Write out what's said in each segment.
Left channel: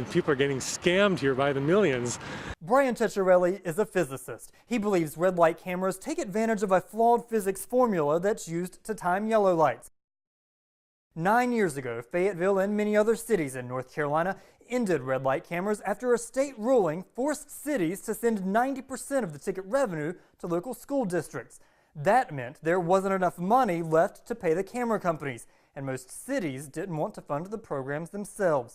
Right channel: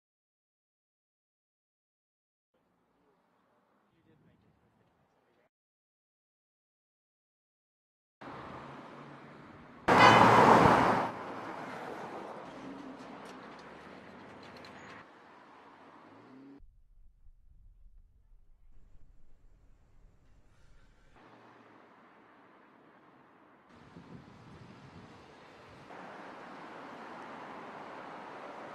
and people are getting scammed here by the millions. Brian Ceccarelli is a physicist. He believes red light cameras take advantage of a flawed physics formula that's used to time yellow lights. 9 years ago, Fayetteville and many other cities in North Carolina ended red light cameras after a state ruling forced cities to send 90% of the ticket revenue to local school districts. That meant there wasn't enough money left to pay the camera companies, and most cities didn't want to fund the programs themselves.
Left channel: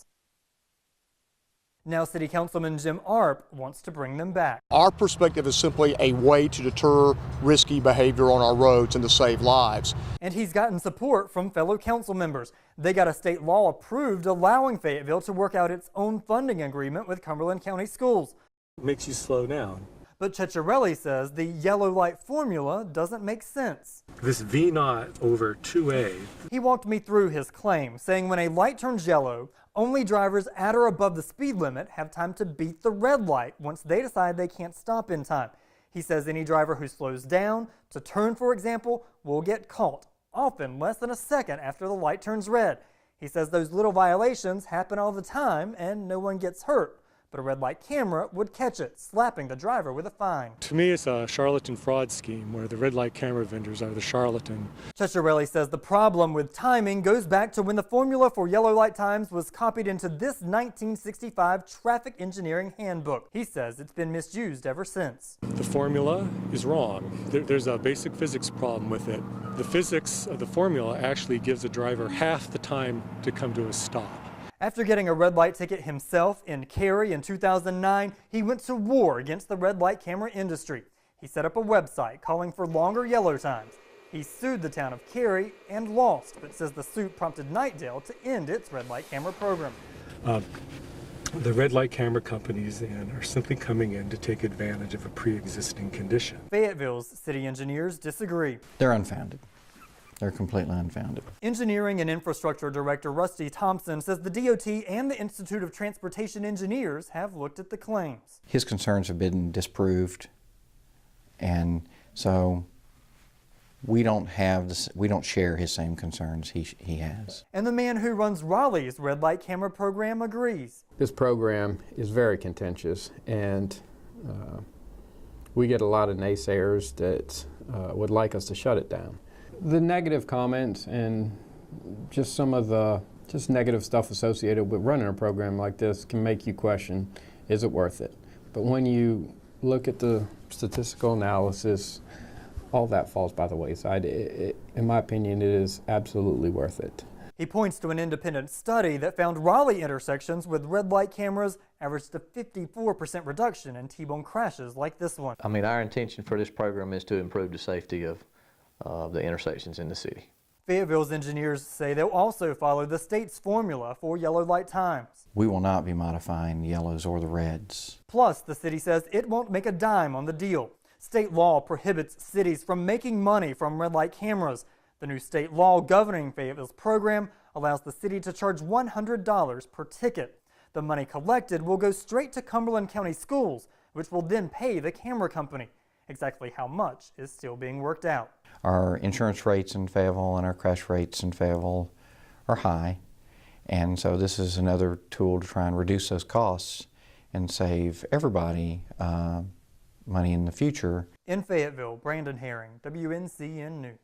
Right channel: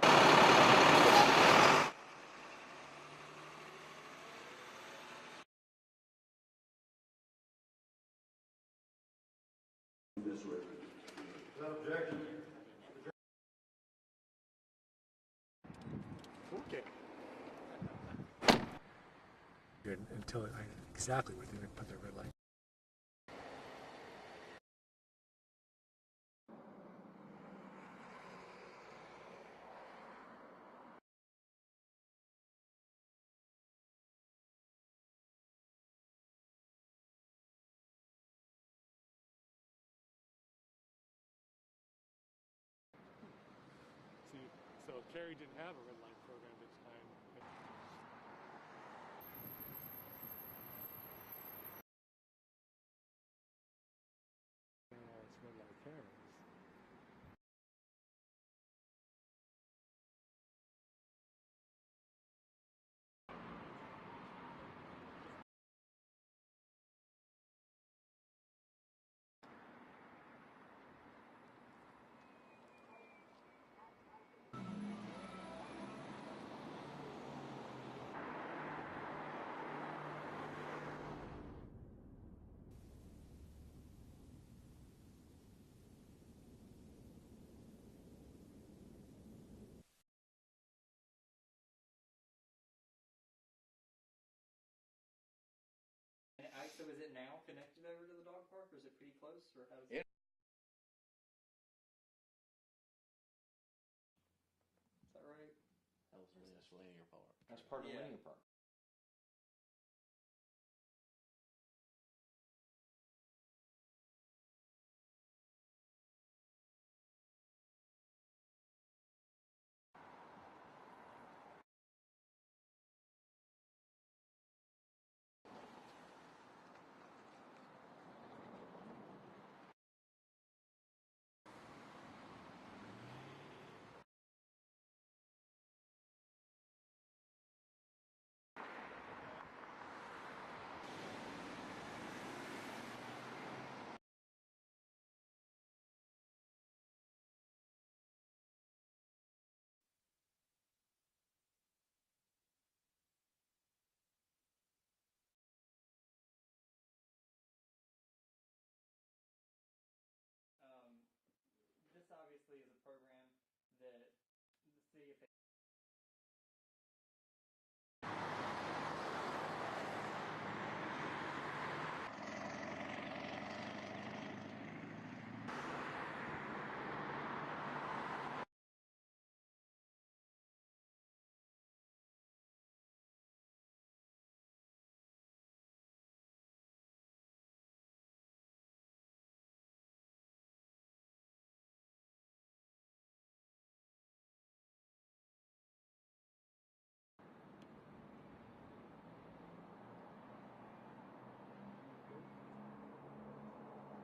Now City Councilman Jim Arp wants to bring them back. Our perspective is simply a way to deter risky behavior on our roads and to save lives. And he's gotten support from fellow council members. They got a state law approved allowing Fayetteville to work out its own funding agreement with Cumberland County Schools. It makes you slow down. But Ceccarelli says the yellow light formula doesn't make sense. This V0 over 2A. He walked me through his claim, saying when a light turns yellow, only drivers at or above the speed limit have time to beat the red light once they decide they can't stop in time. He says any driver who slows down to turn, for example, will get caught, often less than a second after the light turns red. He says those little violations happen all the time and no one gets hurt, but a red light camera would catch it, slapping the driver with a fine. To me, it's a charlatan fraud scheme where the red light camera vendors are the charlatan. Ceccarelli says the problem with timing goes back to when the formula for yellow light times was copied into this 1965 traffic engineering handbook. He says it's been misused ever since. The formula is wrong. There's a basic physics problem with it. The physics of the formula actually gives a driver half the time to come to a stop. After getting a red light ticket himself in Cary in 2009, he went to war against the red light camera industry. He set up a website calling for longer yellow times. He sued the town of Cary and lost, but says the suit prompted Nightdale to end its red light camera program. The red light camera companies are simply coming in to take advantage of a pre-existing condition. Fayetteville's city engineers disagree. They're unfounded. They're completely unfounded. Engineering and Infrastructure Director Rusty Thompson says the DOT and the Institute of Transportation Engineers have looked at the claims. His concerns have been disproved, and so we don't share his same concerns he has. And the man who runs Raleigh's red light camera program agrees. This program is very contentious, and we get a lot of naysayers that would like us to shut it down. The negative comments and just some of the negative stuff associated with running a program like this can make you question, is it worth it? But when you look at the statistical analysis, all that falls by the wayside. In my opinion, it is absolutely worth it. He points to an independent study that found Raleigh intersections with red light cameras averaged a 54% reduction in T-bone crashes like this one. I mean, our intention for this program is to improve the safety of the intersections in the city. Fayetteville's engineers say they'll also follow the state's formula for yellow light times. We will not be modifying the yellows or the reds. Plus, the city says it won't make a dime on the deal. State law prohibits cities from making money from red light cameras. The new state law governing Fayetteville's program allows the city to charge $100 per ticket. The money collected will go straight to Cumberland County Schools, which will then pay the camera company. Exactly how much is still being worked out. Our insurance rates in Fayetteville and our crash rates in Fayetteville are high, and so this is another tool to try and reduce those costs and save everybody money in the future. In Fayetteville, Brandon Herring, WNCN News.